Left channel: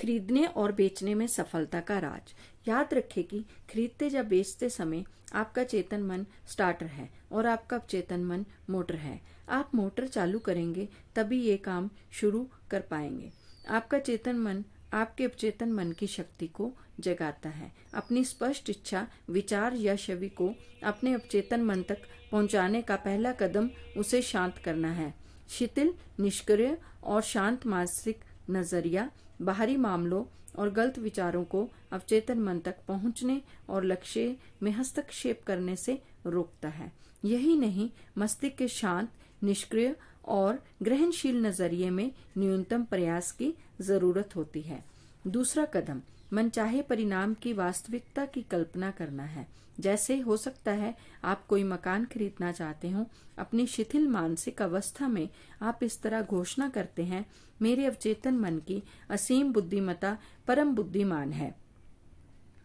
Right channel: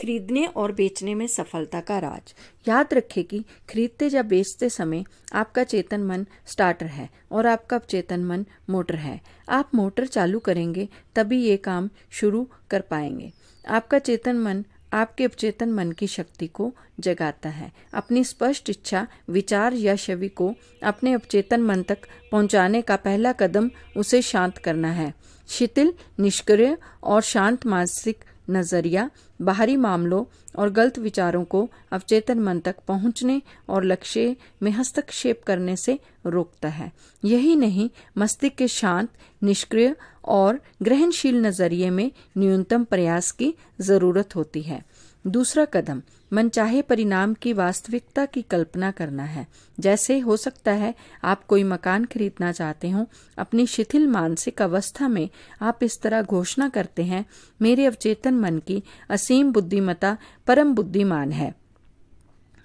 खरीदने और बेचने में सफलता का राज। याद रखें कि खरीदते या बेचते समय आपका चेतन मन स्टार्टर है और आपका अवचेतन मन मोटर है। आप मोटर चालू करेंगे तभी ये काम शुरू कर पाएंगे। आपका चेतन मन आपके अवचेतन मन की शक्ति को जगाता है। अपनी स्पष्ट इच्छा, विचार या छवि को अपने अवचेतन मन तक पहुंचाने का पहला कदम उसे शांत करना है। शिथिल, निष्क्रिय और शांत मानसिक नजरिया बाहरी मामलों और गलत विचारों को अवचेतन मन तक पहुंचने और लक्ष्य में हस्तक्षेप करने से रोकता है। यही नहीं, मस्तिष्क के शांत, निष्क्रिय और ग्रहणशील नजरिए में न्यूनतम प्रयास की जरूरत होती है। दूसरा कदम मनचाहे परिणाम की वास्तविकता की कल्पना करना है। जैसे हो सकता है आप कोई मकान खरीदना चाहते हो। अपनी शिथिल मानसिक अवस्था में आप इस तरह घोषणा करते हैं, मेरे अवचेतन मन की असीम बुद्धिमत्ता परम बुद्धिमान है।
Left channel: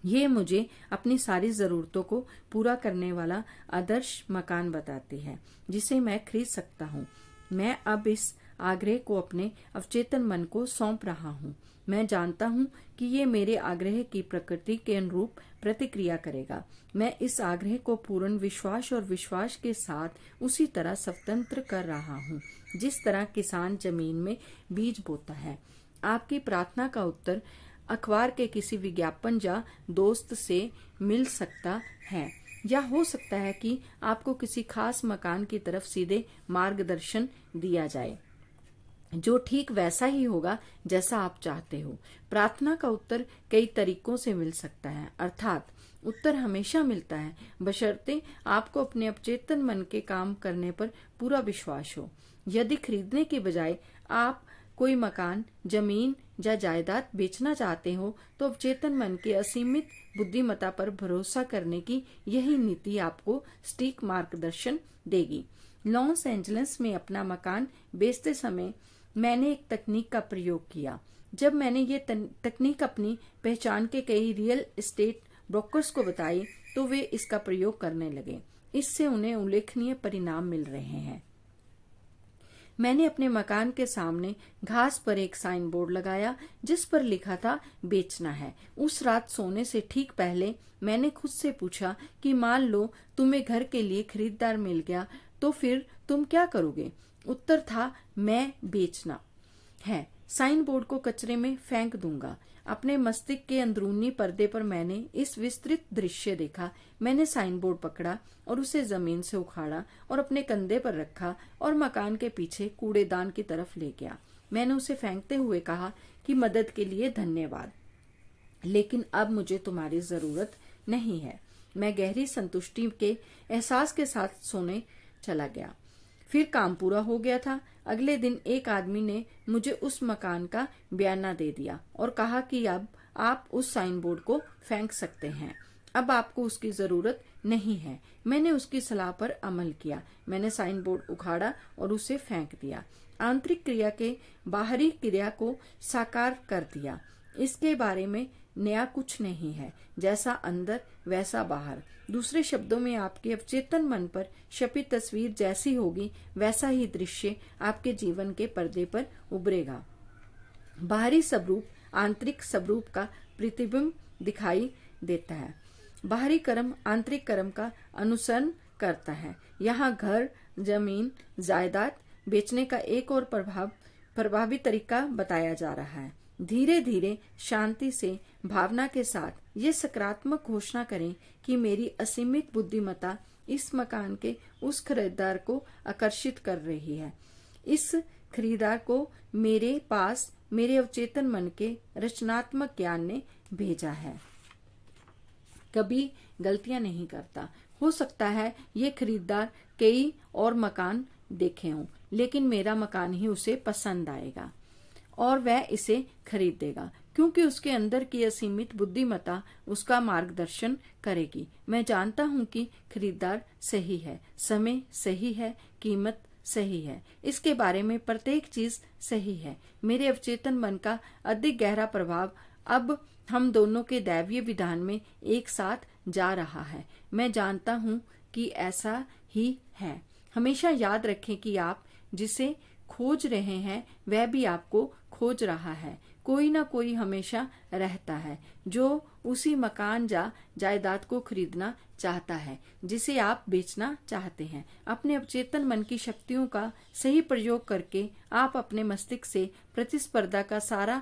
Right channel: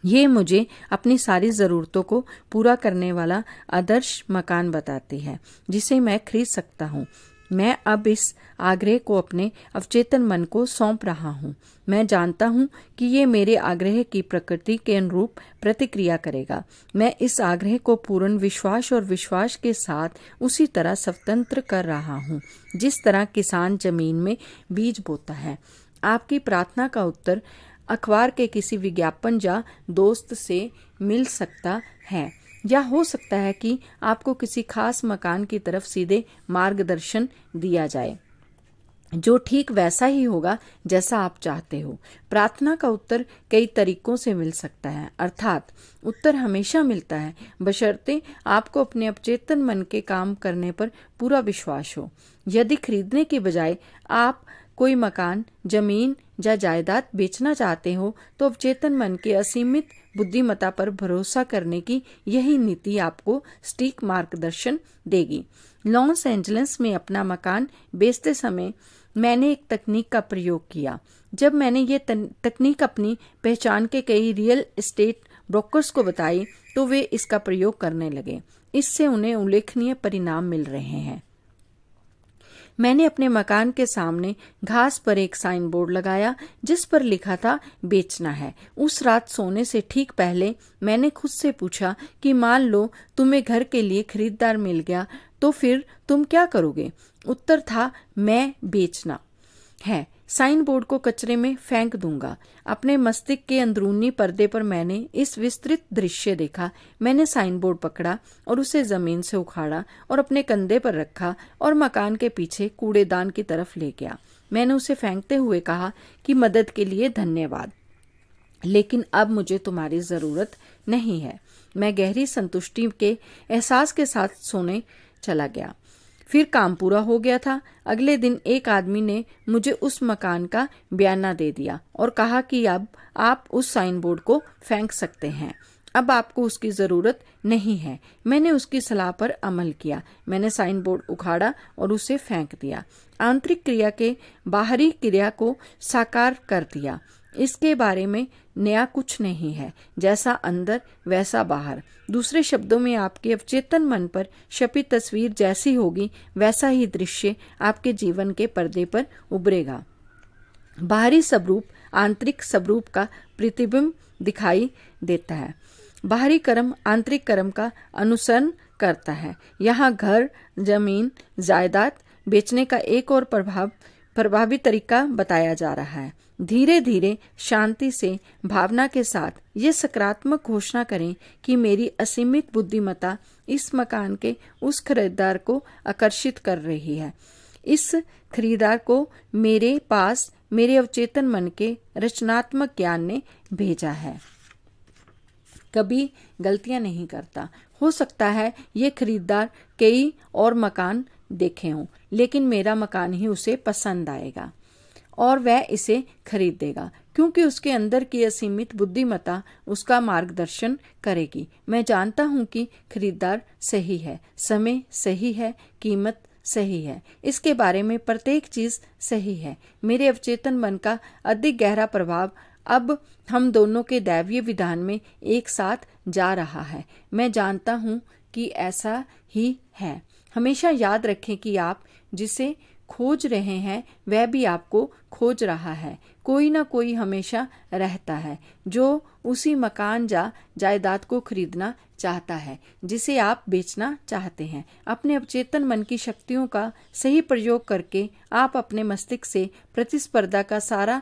ये मुझे अपनी सारी जरूरतों को पूरा करने वाला आदर्श मकान बताती है जिसे मैं खरीद सकता हूँ। मैं अब इस आग्रह को अपने अवचेतन मन को सौंप रहा हूँ। मैं जानता हूँ कि ये मेरे आग्रह की प्रकृति के अनुरूप प्रतिक्रिया करेगा। मैं इस आग्रह को पूर्ण विश्वास और विश्वास के साथ उसी तरह स्वतंत्र कर रहा हूँ जिस तरह किसान जमीन में बीज बोता है। आपकी प्रार्थना का उत्तर अखबार के किसी विज्ञापन या दोस्त से मिल सकता है, या हो सकता है कि आपको किसी खास मकान की तरफ सीधे मार्गदर्शन दिया जाए जो ठीक वैसा ही होगा जैसा आप चाहते हो। प्रार्थना का उत्तर कई तरीकों से मिल सकता है, अर्थात उत्तर हमेशा मिलता है बशर्ते आपको अपने अवचेतन मन के काम करने पर पूरा विश्वास हो। यदि खरीदने की बजाय आप कोई मकान, जमीन या जायदाद बेचना चाहते हो तो अवचेतन मन के असीमित बुद्धिमत्ता पर भरोसा करने की यही नीति आपको सटीक मार्गदर्शन देगी। लॉस एंजलिस में अपना मकान बेचते समय मैंने एक तकनीक का प्रयोग किया। जब मैंने ये तकनीक अपनी पहचान के कई रियल एस्टेट ब्रोकर्स को बताई तो वे इसका प्रयोग करने लगे। इससे उन्हें उल्लेखनीय परिणाम मिल रहे हैं। मैंने अपने मकान के सामने घास पर एक साइन बोर्ड लगाया जिस पर लिखा था बेचना है। उस रात सोने से ठीक पहले मैंने खुद से पूछा कि मान लो तुम्हें घर के लिए खरीदार मिल गया तो फिर तुम क्या करोगे। उत्तर था, मैं बेचना है, साइन बोर्ड को कचरे में फेंक दूंगा। अपने मस्तिष्क के अंदरूनी पर्दे पर मैंने इस विस्तृत दृश्य देखा। मैंने साइन बोर्ड पकड़ा और उसे जमीन से उखाड़ा और अपने कंधे पर रखा और मकान के पीछे कूड़ेदान की तरफ ले गया। मैंने उसे फेंकते हुए कहा कि मदद के लिए धन्यवाद, लेकिन अब मुझे तुम्हारी जरूरत नहीं है। मैं गहरी संतुष्टि के एहसास के साथ सोने चला गया। फिर काम पूरा हो गया था। अगले दिन एक आदमी ने मुझे उस मकान का बयाना दे दिया और कहा कि अब आप उस साइन बोर्ड को फेंक सकते हैं, अब आपको उसकी जरूरत नहीं है। मैंने उसकी सलाह पर अमल किया। मैंने साइन बोर्ड उखाड़ा और उसे फेंक दिया। आंतरिक क्रिया के बाहरी क्रिया को साकार कर दिया। इसके बारे में नया कुछ नहीं है, जैसा अंदर वैसा बाहर। दूसरे शब्दों में आपके अवचेतन मन पर छपी तस्वीर जैसी होगी वैसा ही दृश्य आपके जीवन के पर्दे पर उभरेगा। बाहरी स्वरूप आंतरिक स्वरूप का प्रतिबिंब दिखाई देता है। बाहरी कर्म आंतरिक कर्म का अनुसरण करता है। यहाँ घर, जमीन, जायदाद बेचने का एक और प्रभावी तरीका बताया जा रहा है। धीरे धीरे शांति से भावना के साथ ये सकारात्मक घोषणा करें कि मेरी असीमित बुद्धिमत्ता इस मकान के उस खरीदार को आकर्षित कर रही है। इस खरीदार को मेरे पास मेरे अवचेतन मन के रचनात्मक ज्ञान ने भेजा है। कभी गलतियां नहीं करता। हो सकता है ये खरीदार कई और मकान देखे हों, लेकिन मेरा मकान ही उसे पसंद आएगा और वह इसे खरीदेगा क्योंकि उसके अंदर की असीमित बुद्धिमत्ता उसका मार्गदर्शन करेगी। मैं जानता हूं कि खरीदार सही है, समय सही है, कीमत सही है, इसके बारे में प्रत्येक चीज सही है। मेरे अवचेतन मन का अधिक गहरा प्रभाव अब हम दोनों के दैवीय विधान में एक साथ जा रहा है। मैं जानता हूं कि ऐसा ही है। हमेशा याद रखें कि आप जिसे खोज रहे हैं वह भी आपको खोज रहा है। कोई ना कोई हमेशा रहता है जो उसी मकान या जायदाद को खरीदना चाहता है जिसे आप बेचना चाहते हैं। अपने अवचेतन मन की शक्तियों का सही प्रयोग करके आप अपने मस्तिष्क से प्रतिस्पर्धा का सारा